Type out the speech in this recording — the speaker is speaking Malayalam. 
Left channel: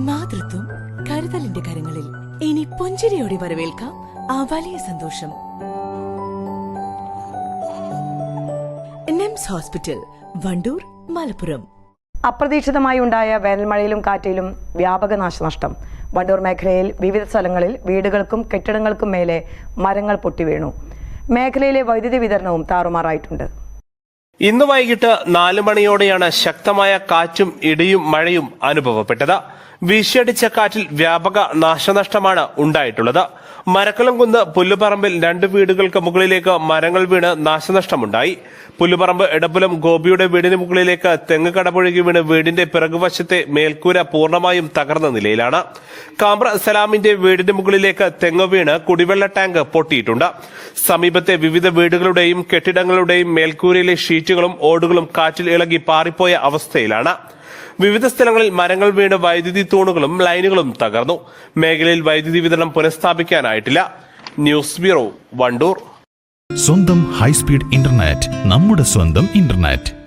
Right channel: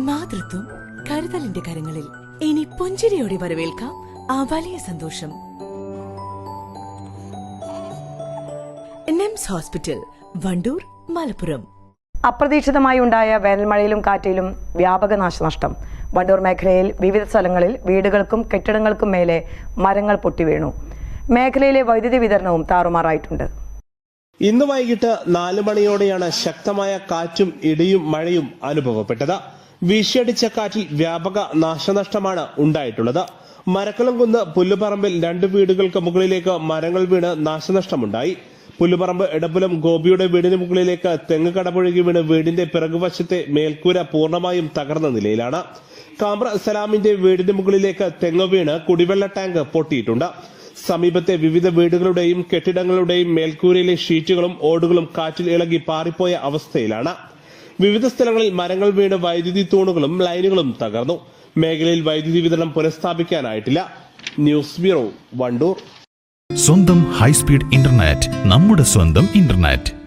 മാതൃത്വം കരുതലിന്റെ കരങ്ങളിൽ. ഇനി പുഞ്ചിരിയോടെ വരവേൽക്കാം ആ വലിയ സന്തോഷം. NIMS hospital Wandoor Malappuram. അപ്രതീക്ഷിതമായി ഉണ്ടായ വേനൽമഴയിലും കാറ്റിലും വ്യാപക നാശനഷ്ടം. വണ്ടൂർ മേഖലയിൽ വിവിധ സ്ഥലങ്ങളിൽ വീടുകൾക്കും കെട്ടിടങ്ങൾക്കും മേലെ മരങ്ങൾ പൊട്ടിവീണു മേഖലയിലെ വൈദ്യുതി വിതരണവും താറുമാറായിട്ടുണ്ട്. ഇന്ന് വൈകിട്ട് നാല് മണിയോടെയാണ് ശക്തമായ കാറ്റും ഇടിയും മഴയും അനുഭവപ്പെട്ടത്. വീശിയടിച്ച കാറ്റിൽ വ്യാപക നാശനഷ്ടമാണ് ഉണ്ടായിട്ടുള്ളത്. മരക്കലം കുന്ന് പുല്ലുപറമ്പിൽ രണ്ട് വീടുകൾക്ക് മുകളിലേക്ക് മരങ്ങൾ വീണ് നാശനഷ്ടമുണ്ടായി. പുല്ലുപറമ്പ് എടപ്പുലം ഗോപിയുടെ വീടിന് മുകളിലേക്ക് തെങ്ങ് കടപുഴകി വീണ് വീടിന്റെ പിറകുവശത്തെ മേൽക്കൂര പൂർണമായും തകർന്ന നിലയിലാണ്. കാമ്ര സലാമിന്റെ വീടിന് മുകളിലേക്ക് തെങ്ങ് വീണ് കുടിവെള്ള ടാങ്ക് പൊട്ടിയിട്ടുണ്ട്. സമീപത്തെ വിവിധ വീടുകളുടെയും കെട്ടിടങ്ങളുടെയും മേൽക്കൂരയിലെ ഷീറ്റുകളും ഓടുകളും കാറ്റിൽ ഇളകി പാറിപ്പോയ അവസ്ഥയിലാണ്. വിവിധ സ്ഥലങ്ങളിൽ മരങ്ങൾ വീണ് വൈദ്യുതി തൂണുകളും ലൈനുകളും തകർന്നു. മേഖലയിൽ വൈദ്യുതി വിതരണം പുനഃസ്ഥാപിക്കാനായിട്ടില്ല. News bureau Wandoor. സ്വന്തം ഹൈസ്പീഡ് ഇന്റർനെറ്റ് നമ്മുടെ സ്വന്തം ഇന്റർനെറ്റ്.